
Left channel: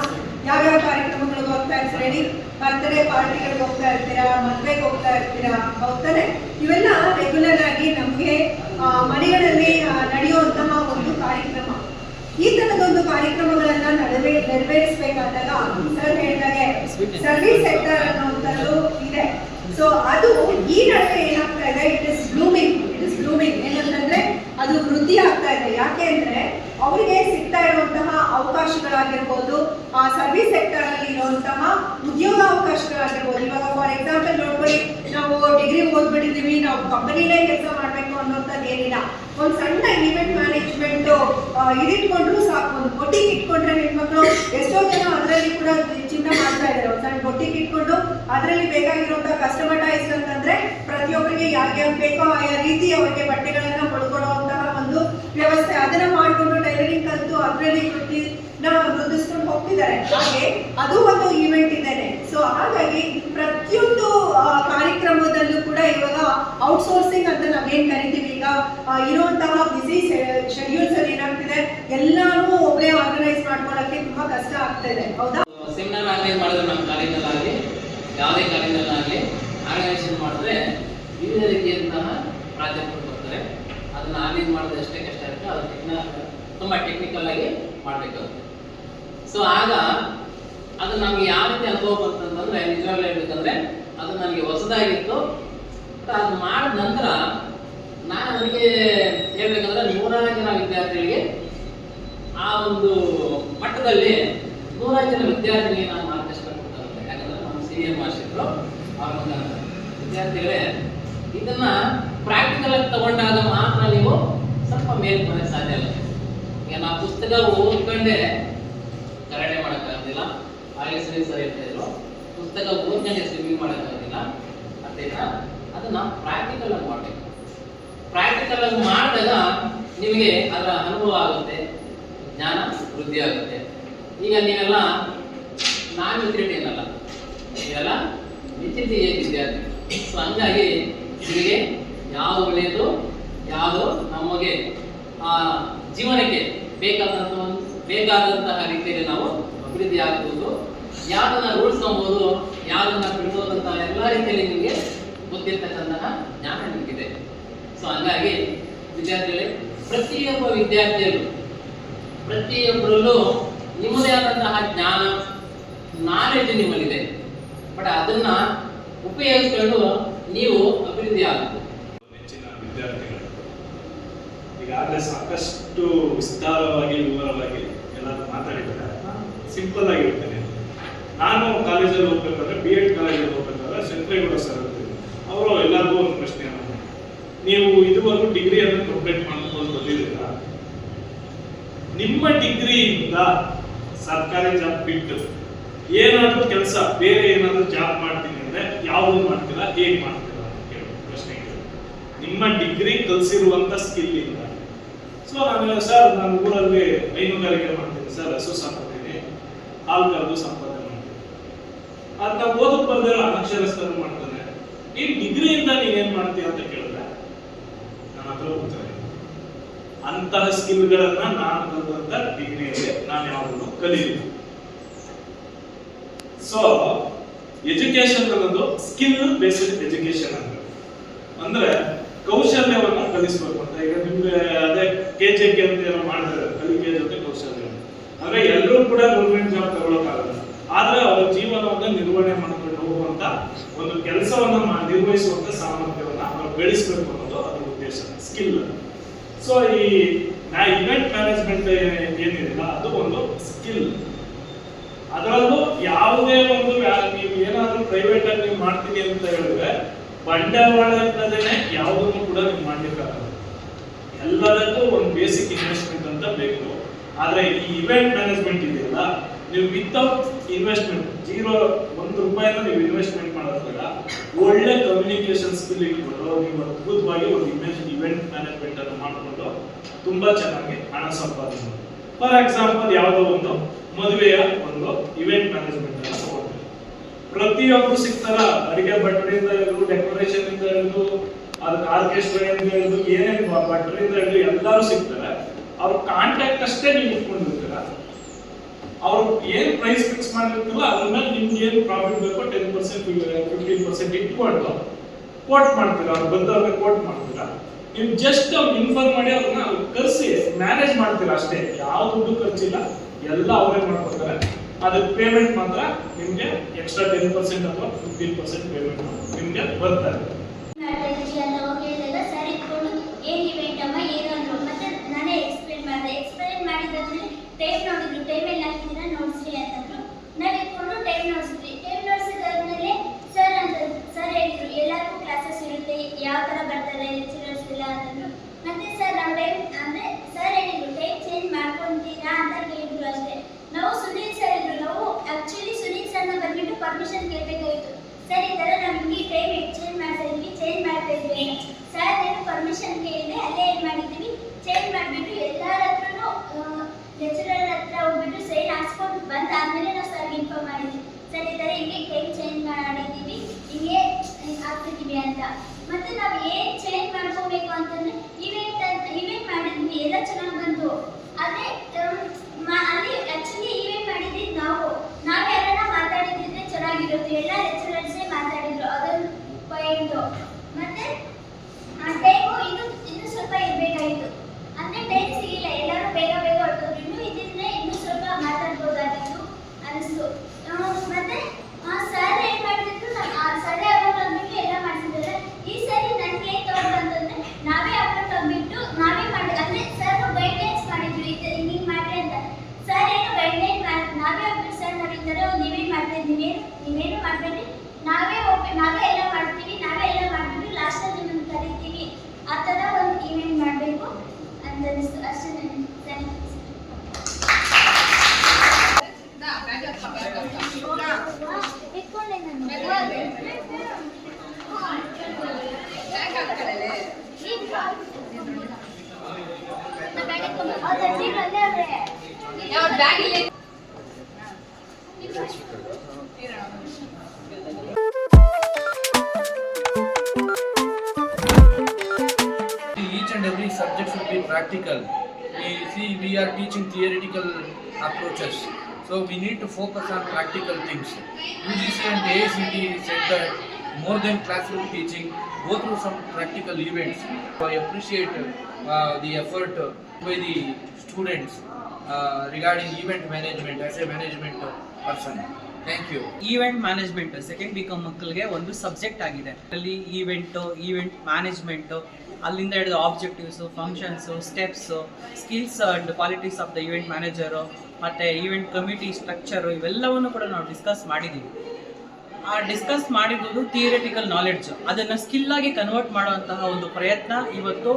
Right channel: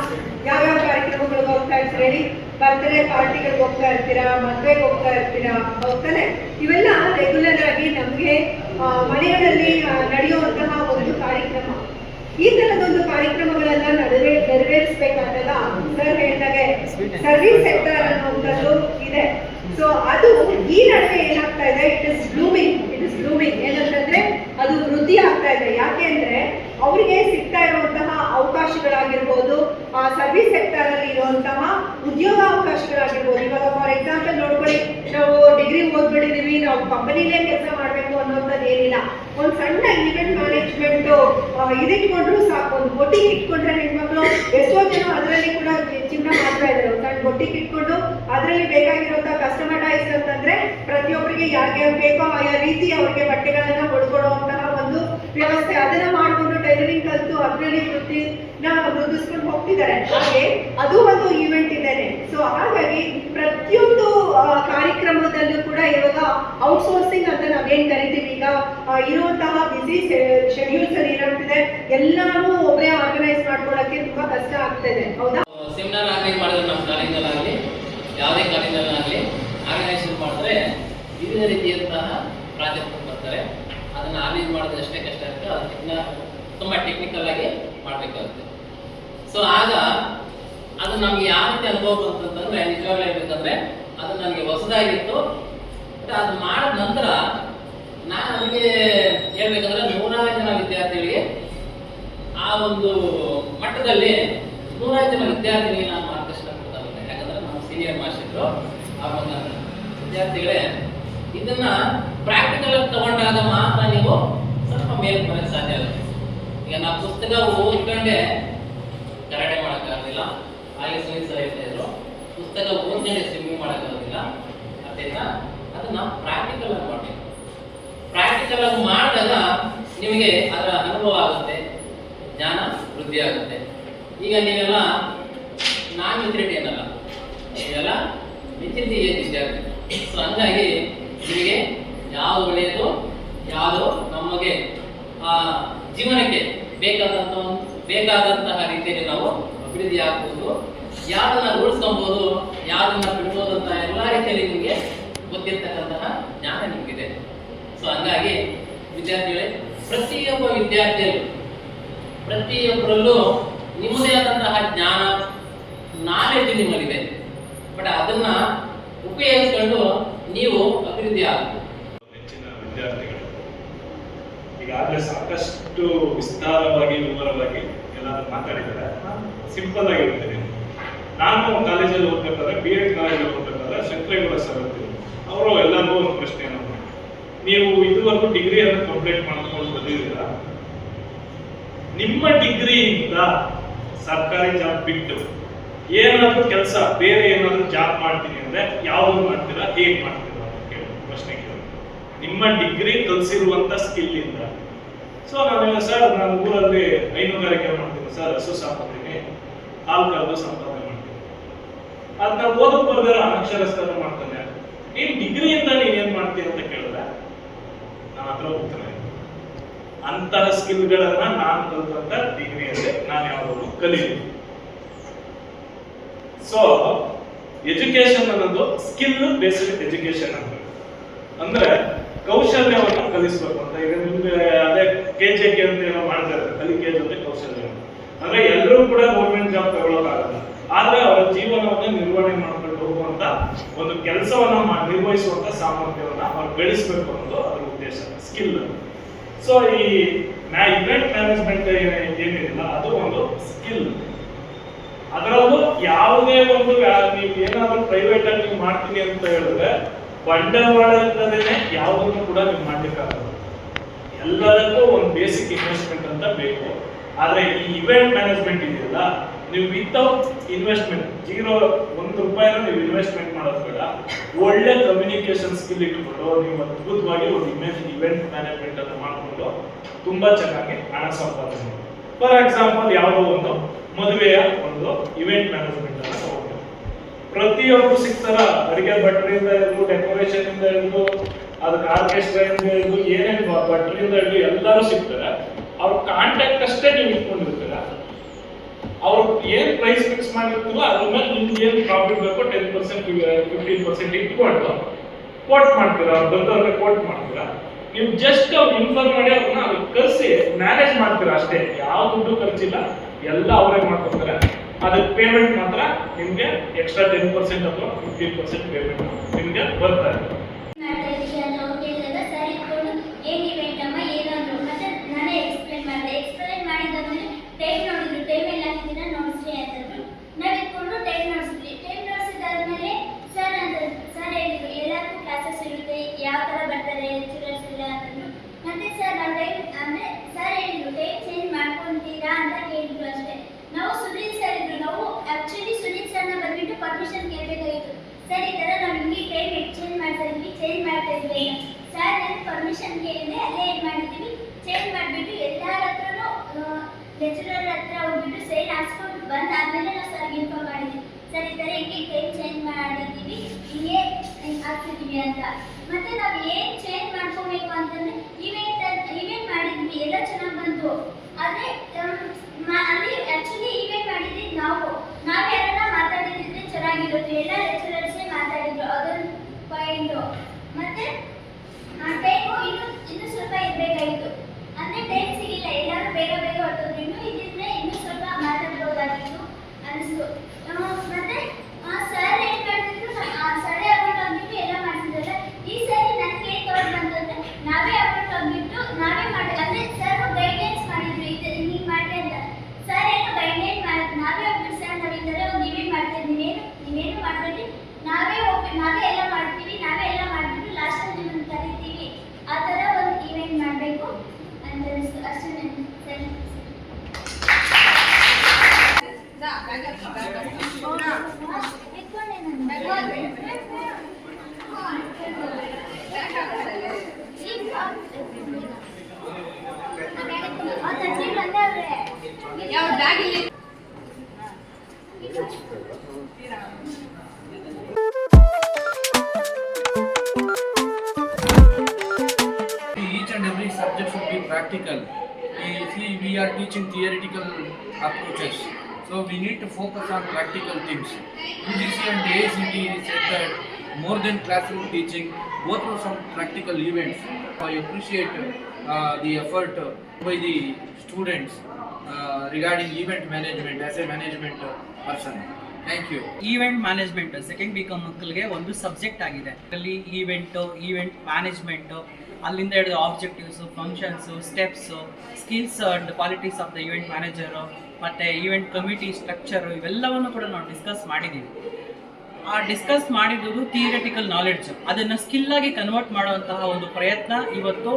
ಯಾವ್ಯಾವ ಕಾರ್ಯಕ್ರಮಗಳಿಗೆ ಹೋಗ್ತಾ ಇರ್ತೀರಾ ಹೇಳಿ? ಬರ್ತ್ಡೇ ಪಾರ್ಟಿಗಳಿಗೆ ಹೋಗ್ತಾ ಇರ್ತೀರಾ, ಮದುವೆಗೆ ಹೋಗ್ತಾ ಇರ್ತೀರಾ, ಹೋಗ್ತಾನೆ. ಇವೆಲ್ಲ ರೆಗ್ಯುಲರ್ ಆಗಿ ನಮಗೆ ಮನೆಗಳಲ್ಲಿ ನಡೆಯುವಂತಹ ಒಂದು ಕಾರ್ಯಕ್ರಮ. ಈ ತರದೊಂದು ಕಾರ್ಯಕ್ರಮಗಳನ್ನ ನೆರವೇರಿಸಬೇಕಾದಾಗ ಸರ್ ಹೇಳಿದಾಗೆ ಸರ್ವಿಸ್ ಸೆಕ್ಟರ್ ಅನ್ನುವಂಥದ್ದು ಇದೆ. ಸೊ ಅದು ಈ ನಡುವೆ ಏನಾಗ್ತಾ ಇದೆ, ಇಟ್ ಇಸ್ ಬ್ಲೂಮಿಂಗ್ ಏನಂತಂದ್ರೆ ಅದು ವೃದ್ಧಿ ಆಗ್ತಾ ಇದೆ. ಯಾಕೆ ಅಂದ್ರೆ ಅವರಿಗೆ ಸಿಗ್ತಾ ಇರುವಂತಹ ಅವಕಾಶಗಳಾಗಿರ್ಬೋದು, ಆ ಸರ್ವಿಸ್ ಸೆಕ್ಟರ್ ಅಲ್ಲಿ ಇರುವಂತಹ ಉದ್ಯೋಗ ಅವಕಾಶಗಳಾಗಿರ್ಬೋದು. ಇವಾಗ ಫಾರ್ ಎಕ್ಸಾಂಪಲ್ ನೋಡ್ಕೊಳ್ಳಿ, ನಾವು ಡಿಗ್ರಿ ಓದ್ಬಿಟ್ಟಿದೀವಿ, ನಾವು ಕಂಪನಿನೇ ಕೆಲಸ ಮಾಡಬೇಕು ಅನ್ನೋಂಥದ್ದು ಏನಿಲ್ಲ. ಒಂದು ಸಣ್ಣ ಈವೆಂಟ್ ಮ್ಯಾನೇಜ್ಮೆಂಟ್ ಇದಿಟ್ಕೊಂಡ್ರು ಸಾಕು, ಒಂದು ಬೊಟಿಕ್ ಇಟ್ಕೊಂಡ್ರೆ ಹೆಣ್ಮಕ್ಳು ಎಷ್ಟೋ ಜನ ಅದರಲ್ಲಿ ಕೂಡ ಚಿನ್ನ ಮಾಡ್ತಾ ಇದ್ದಾರೆ. ಒಂದು ಸಣ್ಣ ಬೊಟಿಕ್ ಇಟ್ಕೊಂಡು ಅದರಲ್ಲಿ ಬೇಕಾಗಿರುವಂತಹ ಕಸ್ಟಮೈಸ್ ಅಂತಂದ್ರೆ ಪ್ರತಿಯೊಬ್ಬರಿಗೆ ಯಾಕೆ ಬೇಕೋ ಆ ರೀತಿ ಅವರಿಗೆ ಬಟ್ಟೆಗಳನ್ನ ಕೊಡ್ಕೊಡುವಂತಹ ಒಂದು ವ್ಯವಸ್ಥೆ, ಅದನ್ನ ಮಾಡಿಕೊಂಡು ಟೈಲರಿಂಗ್ ಕಲಿತು ಅದರಲ್ಲಿ ವೃದ್ಧಿಸ್ಕೊಂಡು ಹೋಗ್ತಿದ್ದಾರೆ. ಹಾಗೆ ಅದು ಒಂದು ಈವೆಂಟ್ ಇದೇನೆ. ಸೊ ಹಾಗಾಗಿ ಪ್ರತಿಯೊಂದು ಕಾರ್ಯಕ್ರಮದಲ್ಲೂ ಕೂಡ ಇವಾಗ ಔಟ್ಸೋರ್ಸಿಂಗ್ ಅಂತ ನಾವೇನ್ ಕರಿತೀವಿ, ಈಗ ಇರುವಂತಹ ಬಿಸಿ ಶೆಡ್ಯೂಲ್ಸ್ ಅಲ್ಲಿ ಏನಾಗ್ತಿದೆ, ಎಲ್ಲಾನು ಒಬ್ಬರೇ ಆರ್ಗನೈಸ್ ಮಾಡ್ಕೊಳ್ಳೋಕೆ ತುಂಬಾ ಕಷ್ಟ ಆಗ್ತಾ ಇದೆ. ಹೌದಾ? ಸೆಮಿನಾರ್ ಆರ್ಗನೈಸ್ ಮಾಡಿದ್ರೆ ನಮ್ಮ ಕಾಲೇಜಲ್ಲಾಗಲಿ ಯಾವುದೇ ಕಾಲೇಜಲ್ಲಾಗಲಿ ಆರ್ಗನೈಸೇಷನ್ ಮಾಡಿದ್ರೆ ವಿವಿಧ ರೀತಿಯಂತಹ ಪ್ರಾಜೆಕ್ಟ್ ಬರ್ತಾರೆ. ಅದನ್ನು ಆರ್ಗನೈಸ್ ಮಾಡೋದು ಎಷ್ಟೇ ಕಷ್ಟ ಇರುತ್ತೆ, ಅದನ್ನ ತುಂಬ ಟೆಕ್ನಿಕಲ್ ಆಗಿ ಮಾಡಬೇಕಾಗುತ್ತೆ. ಸೊ ಆಗ ಅದು ನಮ್ಗೆ ಯಾವ ರೀತಿ ಅನುಭವ ಬಂತಂತಂದ್ರೆ, ನಿಜವಾಗ್ಲೂ ಹೇಳ್ಬೇಕಂದ್ರೆ ಅದು ನನಗೆ ಹೊಸದಾಗಿತ್ತು. ಬಟ್ ಅದು ಮಾಡಿದ ನಂತರ ನಾನು ಅದಕ್ಕೆ ಹೇಳ್ಬೇಕಂದ್ರೆ 100 ಜನ ವಿದ್ಯಾರ್ಥಿಗಳಿಗೆ ಆ ಒಂದು ಮಟ್ಟದಲ್ಲಿ 100 ಜನ ವಿದ್ಯಾರ್ಥಿಗಳಿಗೆ ನಾನು ಮಾರ್ಗದರ್ಶನ ಕೊಡ್ತಾ ಇದ್ದೆ. ಯಾಕಂದ್ರೆ ನಮ್ಮ ಸೀನಿಯರ್ ಮಾಸ್ಟರ್ರು ಆವಾಗ ವಿದ್ಯಾರ್ಥಿಗಳೇ ಇದನ್ನ ಪ್ರಾಕ್ಟಿಕಲ್ ಆಗಿ ತಗೊಂಡಾಗ ಮಾತ್ರ ನೀವು ಸ್ವಲ್ಪ ಮೇಲ್ ಬರೋಕ್ಕೆ ಸಾಧ್ಯ ಆಗುತ್ತೆ. ಈಗ ನಾವು ಪುಸ್ತಕ ಓದ್ಕೊಂಡೆ ಕರಾಟೆ ಮಾಡೋಕ್ಕಾಗೋದಿಲ್ಲ, ಹಾಗೆ ಸ್ವಿಮ್ಮಿಂಗ್ ಸರ್ ಹೇಳ್ತಾ ಇದ್ರು, ಪುಸ್ತಕ ಓದ್ಕೊಂಡೆ ಸ್ವಿಮ್ಮಿಂಗ್ ಮಾಡೋಕ್ಕಾಗೋದಿಲ್ಲ. ಅದೇನಾ ಅದನ್ನ ಪ್ರಾಕ್ಟಿಕಲ್ ಆಗಿ ಮಾಡಬೇಕು. ಪ್ರಾಕ್ಟಿಕಲ್ ಆಗಿ ಮಾಡಿದಾಗ ನಿಮಗೆ ಅದರ ಅನುಭವ ಆಗುತ್ತೆ, ಜ್ಞಾನ ವೃದ್ಧಿ ಆಗುತ್ತೆ. ಈಗ ನೀವೆಲ್ಲ ನಾನ್ ಮೆಚುರಿಟಿ ಏನಲ್ಲ, ನೀವೆಲ್ಲ ಮೆಚುರಿಟಿ ವಿದ್ಯಾರ್ಥಿ. ಸೊ ಹಂಗಾಗಿ ನಿಮಗೆ ಯಾವುದು ಒಳ್ಳೆಯದು, ಯಾವುದು ನಮಗೆ ಜೀವನಕ್ಕೆ ಬೇಕಾದಂತಹ ರೀತಿಯಲ್ಲಿ ನಾವು ಅಭಿವೃದ್ಧಿ ಆಗ್ಬೋದು, ಯಾವುದನ್ನ ರೂಢಿಸ್ಕೊಬೋದು, ಯಾವುದನ್ನ ಬಿಡ್ಬೋದು ಅಂತ ಎಲ್ಲ ರೀತಿಯಲ್ಲಿ ನಿಮಗೆ ಗೊತ್ತಿರ್ತಕ್ಕಂತಹ ಜ್ಞಾನ ನಿಮಗಿದೆ. ಸೊ ಹಂಗಾಗಿ ವಿದ್ಯಾರ್ಥಿಗಳೇ, ಪ್ರತಿಯೊಬ್ಬರಲ್ಲೂ ನಿಮ್ಮದೇ ಆದಂತಹ ಜ್ಞಾನ ನಾಲೆಡ್ಜ್ ನಿಮ್ಮಲ್ಲಿದೆ. ಬಟ್ ಅದನ್ನ ಉಪಯೋಗಿಸಿಕೊಂಡು ನೀವು ಅಭಿವೃದ್ಧಿ ಆಗಬೇಕು. ಹೆಚ್ಚಿನ ವಿದ್ಯಾರ್ಥಿಗಳು ಈಗಾಗಲೇ ಸಾಕಷ್ಟು ವಿಸ್ತಾರವಾಗಿ ವಿವರವಾಗಿ ಎಲ್ಲಾದ್ರೂ ಮಾತಾಡಿದ್ದಾರೆ. ಸಿಂಪಲ್ ಆಗಿರ್ತೇನೆ. ನಾನು ಕಾಲೇಜಲ್ಲಿ ಹೋಗ್ಬೇಕಾದ್ರೆ, B.Ed ಕಾಲೇಜಲ್ಲಿ ಹೋಗ್ಬೇಕಾದ್ರೆ ಶಂಕರೇಗೌಡ ಸರ್ ಅಂತಿದ್ರು. ಅವರು ಎಲ್ಲರಿಗೂ ಒಂದು ಪ್ರಶ್ನೆಯನ್ನು ಮಾಡಿದ್ರು, ನೀವು ಇದುವರೆಗೂ ಡಿಗ್ರಿಯನ್ನು ಕಂಪ್ಲೀಟ್ ಮಾಡ್ಕೊಂಡು ಬಂದಿದ್ದೀರ, ನಿಮ್ಮ ಡಿಗ್ರಿಯಿಂದ ಸರ್ಕಾರಿ ಜಾಬ್ ಬಿಟ್ಟು ಏನಾದರೂ ಕೆಲಸ ಬೇರೆ ಏನಾದರೂ ಜಾಬ್ ಮಾಡ್ತೀನಿ ಅಂದ್ರೆ ಯಾವುದು ಮಾಡ್ತೀರಾ, ಹೇಗೆ ಮಾಡ್ತೀರಾ ಅಂತ ಕೇಳೋ ಪ್ರಶ್ನೆ ಕೇಳಿ. ನಿಮ್ಮ ಡಿಗ್ರಿ ಕಲಿಸಿರುವಂತ ಸ್ಕಿಲ್ ಇಂದ. ಸೊ ನಾನು ಸರ್ ನಾನು ಊರಲ್ಲಿ ಹೈನುಗಾರಿಕೆ ಮಾಡ್ತೀನಿ ಸರ್, ಹಸು ಸಾಕ್ತೀನಿ, ಹಾಲು ಕರೆದು ಸಂಪಾದನೆ ಮಾಡ್ತೀನಿ, ಅದನ್ನ ಓದಕ್ಕೆ ಬರ್ದಾರ ಅನಕ್ಷರಸ್ಥರು ಮಾಡ್ತಾನೆ, ಈ ಡಿಗ್ರಿಯಿಂದ ನೀನೇನ್ ಮಾಡ್ತೀಯ ಅಂತ ಕೇಳಿದ್ರೆ ನನ್ನ ಹತ್ರ ಉತ್ತರ ಇಲ್ಲ. ಅಂತಹ ಸ್ಕಿಲ್ಗಳನ್ನ ನಾನು ಕಲಿತಂತ ಡಿಗ್ರಿಯಲ್ಲಿ ನಾನು ಯಾವಾಗಲೂ ಕಲಿತೀನಿ. ಸೊ ಎಜುಕೇಶನ್ ಅನ್ನೋದು ಸ್ಕಿಲ್ ಬೇಸ್ಡ್ ಎಜುಕೇಶನ್ ಅಂತ, ಅಂದ್ರೆ ಕೌಶಲ್ಯವನ್ನ ಕಲಿಸ್ಬೇಕು ಅಂತ. ಈಗ ನಿಮ್ಗೆ ಅದೇ KJK ಅಂತ ಏನೋ ಮಾಡ್ತಾರೆ, ಕಲಿಕೆ ಜೊತೆ ಕೌಶಲ್ಯ, ಅಂದ್ರೆ ಎಲ್ಲರೂ ಕೂಡ ಗೌರ್ಮೆಂಟ್ ಜಾಬ್ ತಗೊಳ್ಳೋಕ್ಕಾಗಲ್ಲ, ಆದ್ರೆ ಅವರ ಜೀವನವನ್ನ ನಿರ್ವಹಣೆ ಮಾಡ್ಕೊಂಡು ಹೋಗುವಂತ ಒಂದು ಕೆಲಸವನ್ನ ನಿರ್ವಹಿಸುವಂತ ಸಾಮರ್ಥ್ಯವನ್ನ ಅವ್ರು ಬೆಳೆಸಬೇಕು ಅನ್ನೋದು ಅದರ ಉದ್ದೇಶ, ಸ್ಕಿಲ್. ಸೊ ಈ ಇವೆಂಟ್ ಮ್ಯಾನೇಜ್ಮೆಂಟ್ ಏನಿಲ್ಲ, ಅದು ಒಂದು ಸ್ಕಿಲ್. ಅದರಲ್ಲೂ ಯಾವುದೇ ಒಂದು ನೀವು ಏನಾದ್ರೂ ಪ್ರೈವೇಟ್ ಆಗಿ ನೀವು ಮಾಡ್ತೀನಿ ಅಂತ ಹೇಳಿದ್ರೆ ಬಂಡವಾಳ ಇಲ್ಲದೇನೆ ಯಾವುದನ್ನು ಕೂಡ ನೀವು ಮಾಡ್ಲಿಕ್ಕಾಗಲ್ಲ. ಎಲ್ಲದಕ್ಕೂ ಒಂದು ಬೇಸಿಕ್ ಇನ್ವೆಸ್ಟ್ಮೆಂಟ್ ಅಂತ ಬೇಕು. ಆದ್ರೆ ಈ ಇವೆಂಟ್ ಮ್ಯಾನೇಜ್ಮೆಂಟ್ ಇದೆಯಲ್ಲ, ನೀವು ವಿತೌಟ್ ಇನ್ವೆಸ್ಟ್ಮೆಂಟ್, ₹1 ನೀವು ಇನ್ವೆಸ್ಟ್ಮೆಂಟ್ ಮಾಡೋದು ಬೇಡ, ಒಳ್ಳೆ ಕಮ್ಯುನಿಕೇಶನ್ ಸ್ಕಿಲ್ ಇಟ್ಕೊಂಡು ನೀವು ಅದ್ಭುತವಾಗಿ ಒಂದು ಇವೆಂಟ್ ಮ್ಯಾನೇಜ್ಮೆಂಟ್ ಅನ್ನು ಮಾಡಿಕೊಂಡು ತುಂಬಾ ಚೆನ್ನಾಗಿ ಹಣ ಸಂಪಾದನೆ ಮಾಡಿ. ಫಾರ್ ಎಕ್ಸಾಂಪಲ್, ಯಾವುದೋ ಒಂದು ಮದುವೆಯ ಒಂದು ಇವೆಂಟ್ ಮ್ಯಾನೇಜ್ಮೆಂಟ್ ಅನ್ನು ತಗೊಂಡು ಪ್ರತಿಯೊಬ್ಬರು ಸಿಗ್ತಾರ, ಅಡಿಗೆ ಭಟ್ರಿಂದ ಹಿಡಿದು ಡೆಕೋರೇಷನ್ ಇಂದ ಹಿಡಿದು ಅದಕ್ಕೆ ಆರ್ಕೆಸ್ಟ್ರಾ ಇಂದ ಹಿಡಿದು ಏನೇನು ಭಟ್ರಿಂದ ಹಿಡಿದು ಎಲ್ಲರೂ ಸಿಗ್ತಾರೆ. ಅವ್ರ ಕಾಂಟ್ಯಾಕ್ಟ್ ಅಷ್ಟೇ ನೀವು ಇಟ್ಕೊಂಡಿರ್ತೀರ. ಅವ್ರು ಏನ್ ಪ್ರೈಸ್ ಫಿಕ್ಸ್ ಮಾಡಿರ್ತೀವೋ ಅದ್ರ ಮೇಲೆ ನಿಮ್ಗೆ ಏನ್ ಪ್ರಾಫಿಟ್ ಬೇಕೋ 10%, 15% ಇಟ್ಕೊಂಡು ಕೋಟ್ ಮಾಡ್ತೀರಾ, ಅವ್ರು ಬಂದವ್ರಿಗೆ ಕೋಟ್ ಮಾಡ್ತೀರಾ. ನೀವು ಜಸ್ಟ್ ಅವ್ರು ಇನ್ಫಾರ್ಮ್ ಮಾಡಿ ಅವ್ರನ್ನ ಕರೆಸಿ ಮ್ಯಾನೇಜ್ ಮಾಡ್ತೀರಾ ಅಷ್ಟೇ, ಯಾವ ದುಡ್ಡು ಖರ್ಚಿಲ್ಲ, ಎಲ್ಲ ಅವರೇ ಮಾಡ್ಕೊತಾರೆ. ಅದಕ್ಕೆ ಪೇಮೆಂಟ್ ಮಾತ್ರ ನಿಮಗೆ ಎಕ್ಸ್ಟ್ರಾ 10% ಅಥವಾ 15% ಪೇಮೆಂಟ್ ನಿಮಗೆ ಬರ್ತಾರೆ. ಮಾಡ್ತಾ ಇದ್ದೀವಿ ಅಂತ ಅವ್ರು ಕೇಳಿದಾಗ ಸರ್ ಇಟ್ಕೊಂಡು ಏನು ಇವೆಂಟ್ ಅಮ್ಮ ಏನು ಅಂದರು. ಮತ್ತೆ ನಾನೇ ಎಕ್ಸ್ಪ್ಲೇನ್ ಮಾಡಿದ್ದಾದ್ಮೇಲೆ ಟೈಮ್ ನೋಡಿದ್ರು, ಟೈಮ್ ಎಲ್ಲ ಹಾಕಿದ್ದೀರಾ ನೋಡಿಸ್ರಿ ಅಂತಂದ್ರು. ನಾವು ಇಟ್ಕೊಂಡು ಟೈಮ್ ನೋಡಿಸಿದ್ವಿ. ಟೈಮ್ ನೋಡಿಸಿದಾದ್ಮೇಲೆ ಸರ್ ಹೇಳಿದ್ರು ಎಲ್ಲರಿಗೂ ಕ್ಲಾಸಸ್ ಇರುತ್ತೆ, ಯಾವ ಥರ ಬರ್ತಾರೆ ಲೆಕ್ಚರರ್ಸ್ ಎಲ್ಲ ಅಂತಂದ್ರು. ಮತ್ತೆ ಸರ್ ನಾವು ಟೈಮ್ ಅಂದರೆ ಸರ್ ಹೇಳಿದ್ರು ಟೈಮ್ ಚೇಂಜ್ ಮಾಡ್ಕೊತೀರಾ ಅಂತ ಕೇಳಿದ್ರು ಅಷ್ಟೇ. ನಾವು ಸುನೀಲ್ ಸರ್ ಇದ್ರು, ನಾವು ಆ್ಯಕ್ಚುಲಿ ಸುನೀಲ್ ಸರ್ನ ಬಂದ್ಬಿಟ್ಟು ಪರ್ಮಿಷನ್ ಕೇಳಬೇಕಾಗಿತ್ತು. ಸರ್ ಈ ಥರ ನಾವು ಹಿಂಗೆ ಟೈಮ್ ಎಕ್ಸ್ಚೇಂಜ್ ಮಾಡ್ತಾ ಇದ್ವಿ, ಚೇಂಜ್ ಮಾಡ್ತಾ ಇದ್ವಿ ಸರ್ ಏನು ಪರ್ಮಿಷನ್ ಕೇಳಿದ್ರೆ ಅಲ್ಲೇ ಏನು ಮಾಡಿದ್ದೀವಿ ಚೇಂಜ್ ಮಾಡಿಬಿಟ್ಟು ಎಲ್ಲರ ಹತ್ರನೂ ಲೆಕ್ಚರರ್ ಹತ್ರ ಹೋಗ್ಬಿಟ್ಟು ಸೈನ್ ಹಾಕ್ಸ್ಕೊಂಡು ಬಂದಾದ್ಮೇಲೆ ನಾವು ಸರ್ಗೆ ಇನ್ಫಾರ್ಮ್ ಮಾಡಿದ್ವಿ. ಸರ್ ಈ ಥರ ಹಿಂಗೆ ಟೈಮ್ ಚೇಂಜ್ ಮಾಡಿದ್ದೀವಿ, ಹಿಂಗೆ ಆಗ್ತಿದ್ದೀವಿ ಅಂತ. ಮತ್ತು ನಾವು ಏನು ಚೇಂಜ್ ಮಾಡ್ಕೋಬೇಕು ಅಂತಂದರೆ ಇವೆಂಟ್ ಮಾಡಿದ್ವಿ, ಎಲ್ಲ ಚೆನ್ನಾಗಿ ಬಂತು. ಆದರೆ ಅಲ್ಲಿ ಆ್ಯಕ್ಚುಲಿ ಇವೆಂಟ್ ಮಾಡಿದ್ವಿ ನಾವು ಯಾರನ್ನ ಮಾತಾಡಿದ್ರೆ ಚೆನ್ನಾಗಿರುತ್ತೆ, ಎಲ್ಲ ಲೆಕ್ಚರರ್ಸೇ ಮಾತಾಡಿದ್ರು, ಅದೊಂದು ಪಾಯಿಂಟು. ಮತ್ತು ಟೈಮು ಇನ್ನೂ ಸ್ವಲ್ಪ ಇರಬೇಕಾಗಿತ್ತು, ಅಂದರೆ ಟೈಮ್ ಸಿಗಿಲ್ಲ, ಎಲ್ಲರೂ ಬೇಗ ಹೊರಟೋದ್ರು. ಇದಿದ್ರೆ ಇನ್ನೂ ಸ್ವಲ್ಪ ಮಾತಾಡ್ಬೋದಾಗಿತ್ತು ಅನಿಸ್ತು. ಮತ್ತು ಸರ್ ಏನು ಮಾಡ್ತಿದ್ರು, ಸಡೇ ಅಮೌಂಟ್ ಹೋಗ್ಬಿಟ್ಟು ಎಲ್ಲ ಮಾಡ್ತಿದ್ದಲ್ಲ. ಈ ಸರಿ ನನಗೆ ತಗೊಂಡು ಅಂತಂದರೆ ನಾವೇ ಅಮೌಂಟ್ ಹೋಗ್ಬಿಟ್ಟು ನಾವೇ ಮಾಡಿ, ಅಂದರೆ ಸರ್ ಗೈಡ್ಲೈನ್ಸ್ ಮಾಡಿದ್ರು ಇದು ಹಿಂಗೆ ಮಾಡಿ ಅಂತ. ಸರ್ ಏನು ಗೈಡ್ಲೈನ್ ನಾವೇ ಹೋಗ್ಬಿಟ್ಟು ಸರ್ ನಾವು ಈ ಥರ ಒಂದು ಇವೆಂಟ್ ಮಾಡ್ತಾ ಇದ್ದೀವಿ, ನೀವೇನು ಮಾಡಬೇಡಿ, ನಾವೇ ಎಲ್ಲ ಮಾಡ್ತೀವಿ, ನಾವೇ ಎಲ್ಲ ಮಾಡಿಬಿಟ್ಟು ಲಾಸ್ಟಲ್ಲಿ ನಿಮ್ಮನ್ನು ಕರಿತೀವಿ, ಆ ಥರ ಒಂದು ಇವೆಂಟ್ ಮಾಡಬೇಕು ಅಂತ ಅನಿಸ್ತು. ಅಷ್ಟೇ ಸರ್. ಇಟ್ಕೊಂಡೆ ಯಾವ bag Each and every subject should be practical. We are teaching theoretical approaches, so we need to focus on practical things. UGC and AICT said that more than classroom teaching, go through some practical events. I appreciate the effort by the students regarding event management as a management person. Thank you. Event management second BCom ಮಕ್ಕಳಿಗೆ ಒಂದು subject ಆಗಿದೆ. ಅಲ್ಲಿ event management, ಅಲ್ಲಿಂದ ಹಿಡಿದು objectives, functions, steps, skills and qualities of the event manager, ಮತ್ತು event committee structure, ಇವೆಲ್ಲವನ್ನು ಕೂಡ ನಾವು ಡಿಸ್ಕಸ್ ಮಾಡಿದ್ದೀವಿ. ಆ ಡಿಸ್ಕಸ್ ಮಾಡಿದ್ದು ಥಿಯರಿಟಿಕಲ್ ನಾಲೆಡ್ಜು, ಅದನ್ನು ಸ್ಕಿಲ್ಲಾಗಿ ಕನ್ವರ್ಟ್ ಮಾಡುವಂತಹ ಒಂದು ಪ್ರಯತ್ನ ಇವತ್ತು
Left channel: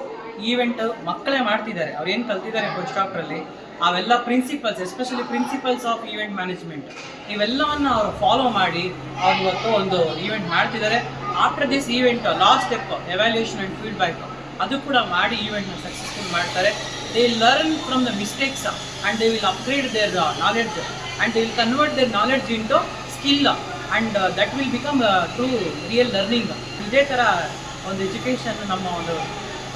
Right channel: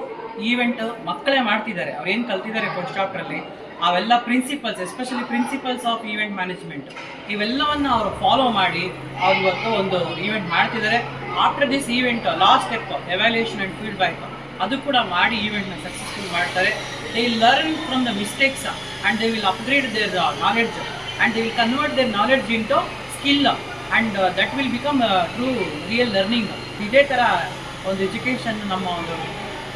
ಈವೆಂಟ್ ಮಕ್ಕಳೇ ಮಾಡ್ತಿದ್ದಾರೆ. ಅವ್ರು ಏನು ಕಲ್ತಿದ್ದಾರೆ ಫಸ್ಟ್ ಚಾಪ್ಟ್ರಲ್ಲಿ ಅವೆಲ್ಲ principles, especially principles of event management, ಇವೆಲ್ಲವನ್ನು ಅವರು ಫಾಲೋ ಮಾಡಿ ಅವ್ರು ಇವತ್ತು ಒಂದು ಈವೆಂಟ್ ಮಾಡ್ತಿದ್ದಾರೆ. After this event last step evaluation and feedback, ಅದು ಕೂಡ ಮಾಡಿ ಈವೆಂಟ್ನ ಸಕ್ಸಸ್ಫುಲ್ ಮಾಡ್ತಾರೆ. They will learn from the mistakes and they will upgrade their knowledge and they will convert their knowledge into skill and that will become true real learning. ಇದೇ ಥರ ಒಂದು education ನಮ್ಮ ಒಂದು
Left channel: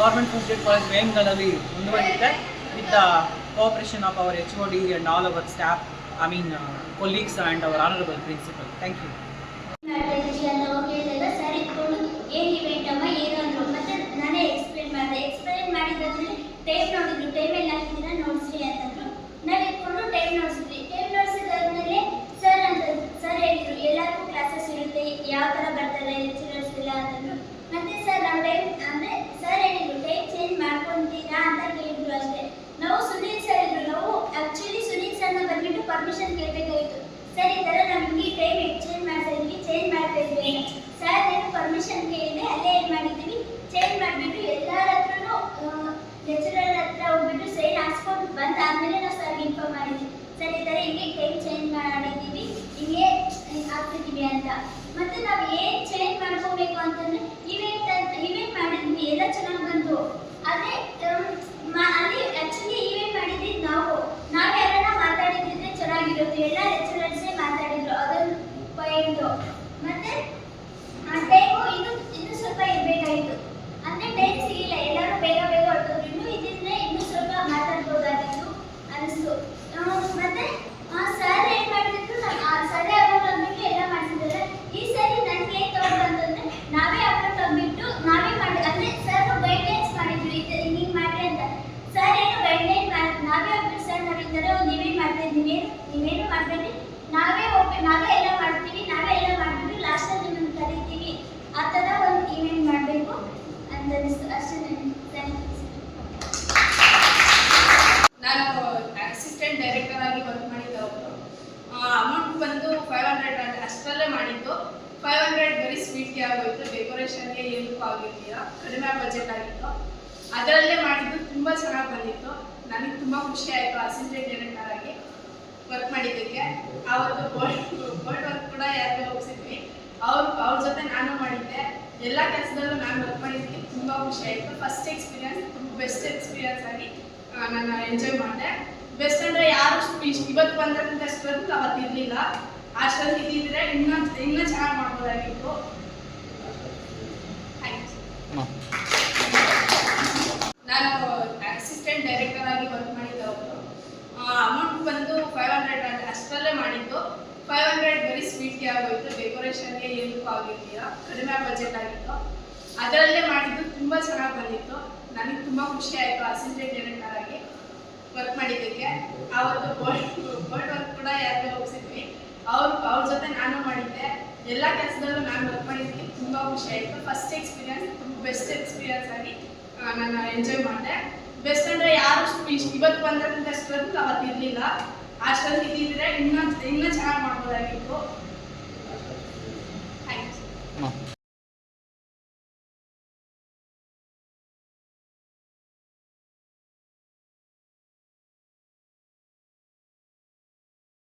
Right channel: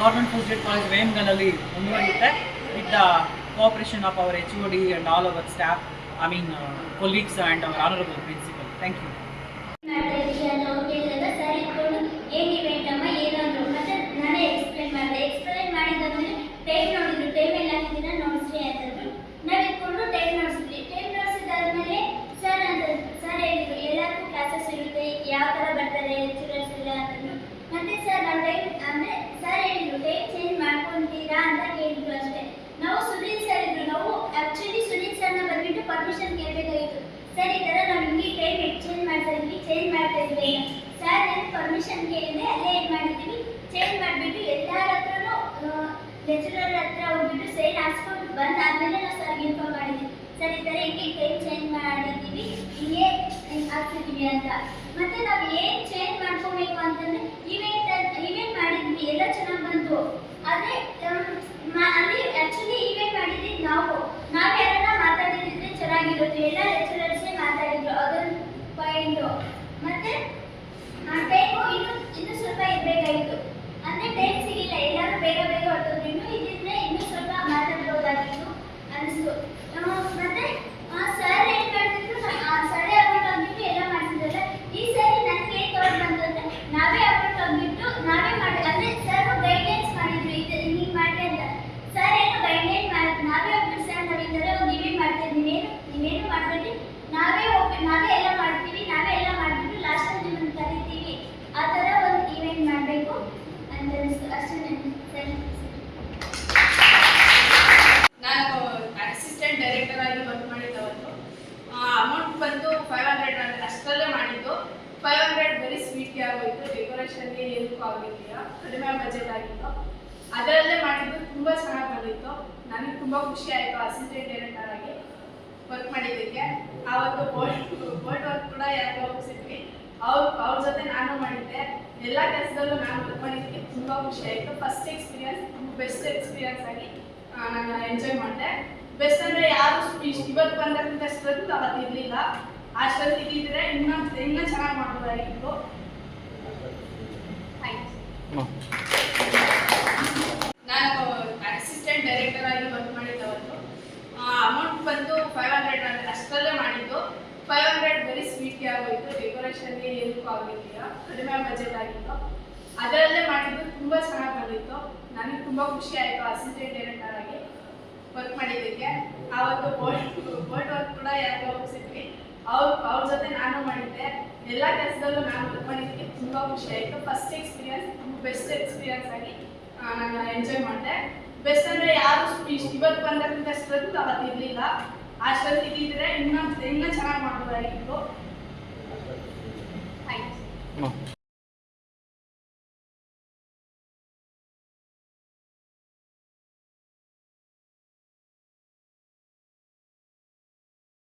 ಗೌರ್ಮೆಂಟ್ ಫಸ್ಟ್ ಗ್ರೇಡ್ ಕಾಲೇಜ್ ವೇಮ್ಗಲಲ್ಲಿ ಮುಂದುವರಿಯುತ್ತೆ with the cooperation of our HOD and all our staff, colleagues and our honorable principal. Thank you. ಮಾಡ್ತಾ ಇದ್ದೀವಿ ಅಂತ ಅವ್ರು ಕೇಳಿದಾಗ ಸರ್ ಇಟ್ಕೊಂಡು ಏನು ಇವೆಂಟ್ ಅಮ್ಮ ಏನು ಅಂದರು. ಮತ್ತೆ ನಾನೇ ಎಕ್ಸ್ಪ್ಲೇನ್ ಮಾಡಿದ್ದಾದ್ಮೇಲೆ ಟೈಮ್ ನೋಡಿದ್ರು, ಟೈಮ್ ಎಲ್ಲ ಹಾಕಿದ್ದೀರಾ ನೋಡಿಸ್ರಿ ಅಂತಂದ್ರು. ನಾವು ಇಟ್ಕೊಂಡು ಟೈಮ್ ನೋಡಿಸಿದ್ವಿ. ಟೈಮ್ ನೋಡಿಸಿದಾದ್ಮೇಲೆ ಸರ್ ಹೇಳಿದ್ರು ಎಲ್ಲರಿಗೂ ಕ್ಲಾಸಸ್ ಇರುತ್ತೆ, ಯಾವ ಥರ ಬರ್ತಾರೆ ಲೆಕ್ಚರರ್ಸ್ ಎಲ್ಲ ಅಂತಂದ್ರು. ಮತ್ತೆ ಸರ್ ನಾವು ಟೈಮ್ ಅಂದರೆ ಸರ್ ಹೇಳಿದ್ರು ಟೈಮ್ ಚೇಂಜ್ ಮಾಡ್ಕೊತೀರಾ ಅಂತ ಕೇಳಿದ್ರು ಅಷ್ಟೇ. ನಾವು ಸುನೀಲ್ ಸರ್ ಇದ್ರು, ನಾವು ಆ್ಯಕ್ಚುಲಿ ಸುನೀಲ್ ಸರ್ನ ಬಂದ್ಬಿಟ್ಟು ಪರ್ಮಿಷನ್ ಕೇಳಬೇಕಾಗಿತ್ತು. ಸರ್ ಈ ಥರ ನಾವು ಹಿಂಗೆ ಟೈಮ್ ಎಕ್ಸ್ಚೇಂಜ್ ಮಾಡ್ತಾ ಇದ್ವಿ, ಚೇಂಜ್ ಮಾಡ್ತಾ ಇದ್ವಿ ಸರ್ ಏನು ಪರ್ಮಿಷನ್ ಕೇಳಿದ್ರೆ ಅಲ್ಲೇ ಏನು ಮಾಡಿದ್ದೀವಿ ಚೇಂಜ್ ಮಾಡಿಬಿಟ್ಟು ಎಲ್ಲರ ಹತ್ರನೂ ಲೆಕ್ಚರರ್ ಹತ್ರ ಹೋಗ್ಬಿಟ್ಟು ಸೈನ್ ಹಾಕ್ಸ್ಕೊಂಡು ಬಂದಾದ್ಮೇಲೆ ನಾವು ಸರ್ಗೆ ಇನ್ಫಾರ್ಮ್ ಮಾಡಿದ್ವಿ. ಸರ್ ಈ ಥರ ಹಿಂಗೆ ಟೈಮ್ ಚೇಂಜ್ ಮಾಡಿದ್ದೀವಿ, ಹಿಂಗೆ ಆಗ್ತಿದ್ದೀವಿ ಅಂತ. ಮತ್ತು ನಾವು ಏನು ಚೇಂಜ್ ಮಾಡ್ಕೋಬೇಕು ಅಂತಂದರೆ ಇವೆಂಟ್ ಮಾಡಿದ್ವಿ, ಎಲ್ಲ ಚೆನ್ನಾಗಿ ಬಂತು. ಆದರೆ ಅಲ್ಲಿ ಆ್ಯಕ್ಚುಲಿ ಇವೆಂಟ್ ಮಾಡಿದ್ವಿ ನಾವು ಯಾರನ್ನ ಮಾತಾಡಿದ್ರೆ ಚೆನ್ನಾಗಿರುತ್ತೆ, ಎಲ್ಲ ಲೆಕ್ಚರರ್ಸೇ ಮಾತಾಡಿದ್ರು, ಅದೊಂದು ಪಾಯಿಂಟು. ಮತ್ತು ಟೈಮು ಇನ್ನೂ ಸ್ವಲ್ಪ ಇರಬೇಕಾಗಿತ್ತು, ಅಂದರೆ ಟೈಮ್ ಸಿಗಿಲ್ಲ, ಎಲ್ಲರೂ ಬೇಗ ಹೊರಟೋದ್ರು. ಇದಿದ್ರೆ ಇನ್ನೂ ಸ್ವಲ್ಪ ಮಾತಾಡ್ಬೋದಾಗಿತ್ತು ಅನಿಸ್ತು. ಮತ್ತು ಸರ್ 500 ಬರೀ ಸ್ವೀಟ್ಗೆ ಆಗೋಯ್ತು, ಡೆಕೋರೇಷನ್ಗೆ ಏನಕ್ಕೂ ಆಗಿರಲಿಲ್ಲ, ಕಡಿಮೆ ಬಜೆಟ್ ಆಗಿತ್ತು. ಅದರಲ್ಲೇ ಮಾಡಿದ್ದು ತುಂಬ ಚೆನ್ನಾಗಿ ಬಂದಿತ್ತು. ನನಗೆ ತುಂಬ ಖುಷಿ ಆಯಿತು ಅಸಿಸ್ಟೆಂಟ್ ಡೈರೆಕ್ಟರ್ ಆಗಿ ವರ್ಕ್ ಮಾಡಿದ್ದಕ್ಕೆ. ಆವತ್ತು ಬೋರ್ಡ್ ವರ್ಕ್ ಕೂಡ ಯಾರಿಗೋ ಒಪ್ಪಿಸಿದ್ವಿ, ಅವ್ರ ಜೊತೆ ನಾನು ಮಾಡಿದ್ದೆ. ಎಲ್ಲ ಕೆಲಸದಲ್ಲೂ ನಾನು ವರ್ಕ್ ಮಾಡಿದ್ದಕ್ಕೆ ತುಂಬ ಖುಷಿ ಆಯಿತು. ಫಸ್ಟ್ ಎಕ್ಸ್ಪೀರಿಯನ್ಸ್ ಬೆಸ್ಟ್ ಎಕ್ಸ್ಪೀರಿಯನ್ಸ್ ಆಗಿ ನಾನು ಎಂಜಾಯ್ ಮಾಡಿದೆ. ಬೆಸ್ಟ್ ಅಂದರೆ ಯಾರು ಇವತ್ತು ಬಂದಕ್ಕಿಂತ ಅಷ್ಟೊಂದು ಅವತ್ತು ಇರಲಿಲ್ಲ. ಅಷ್ಟೊಂದು ಇದ್ದಿದ್ರೆ ಇನ್ನೂ ಚೆನ್ನಾಗಿ ಮಾಡ್ಬೋದಾಗಿತ್ತು. ಆಯ್ತು, ನಾನು ಅಸಿಸ್ಟೆಂಟ್ ಡೈರೆಕ್ಟರ್ ಆಗಿ ವರ್ಕ್ ಮಾಡಿದ್ದವತ್ತು. ಅಮೌಂಟ್ ಬಂದು 500 ಅಷ್ಟರಲ್ಲೇ ಮಾಡಿದ್ದು. 500 ಬರೀ ಸ್ವೀಟ್ಗೆ ಆಗೋಯ್ತು, ಡೆಕೋರೇಷನ್ಗೆ ಏನಕ್ಕೂ ಆಗಿರಲಿಲ್ಲ, ಕಡಿಮೆ ಬಜೆಟ್ ಆಗಿತ್ತು. ಅದರಲ್ಲೇ ಮಾಡಿದ್ದು ತುಂಬ ಚೆನ್ನಾಗಿ ಬಂದಿತ್ತು. ನನಗೆ ತುಂಬ ಖುಷಿ ಆಯಿತು ಅಸಿಸ್ಟೆಂಟ್ ಡೈರೆಕ್ಟರ್ ಆಗಿ ವರ್ಕ್ ಮಾಡಿದ್ದಕ್ಕೆ. ಆವತ್ತು ಬೋರ್ಡ್ ವರ್ಕ್ ಕೂಡ ಯಾರಿಗೋ ಒಪ್ಪಿಸಿದ್ವಿ, ಅವ್ರ ಜೊತೆ ನಾನು ಮಾಡಿದ್ದೆ. ಎಲ್ಲ ಕೆಲಸದಲ್ಲೂ ನಾನು ವರ್ಕ್ ಮಾಡಿದ್ದಕ್ಕೆ ತುಂಬ ಖುಷಿ ಆಯಿತು. ಫಸ್ಟ್ ಎಕ್ಸ್ಪೀರಿಯನ್ಸ್ ಬೆಸ್ಟ್ ಎಕ್ಸ್ಪೀರಿಯನ್ಸ್ ಆಗಿ ನಾನು ಎಂಜಾಯ್ ಮಾಡಿದೆ. ಬೆಸ್ಟ್ ಅಂದರೆ ಯಾರು ಇವತ್ತು ಬಂದಕ್ಕಿಂತ ಅಷ್ಟೊಂದು ಅವತ್ತು ಇರಲಿಲ್ಲ. ಅಷ್ಟೊಂದು ಇದ್ದಿದ್ರೆ ಇನ್ನೂ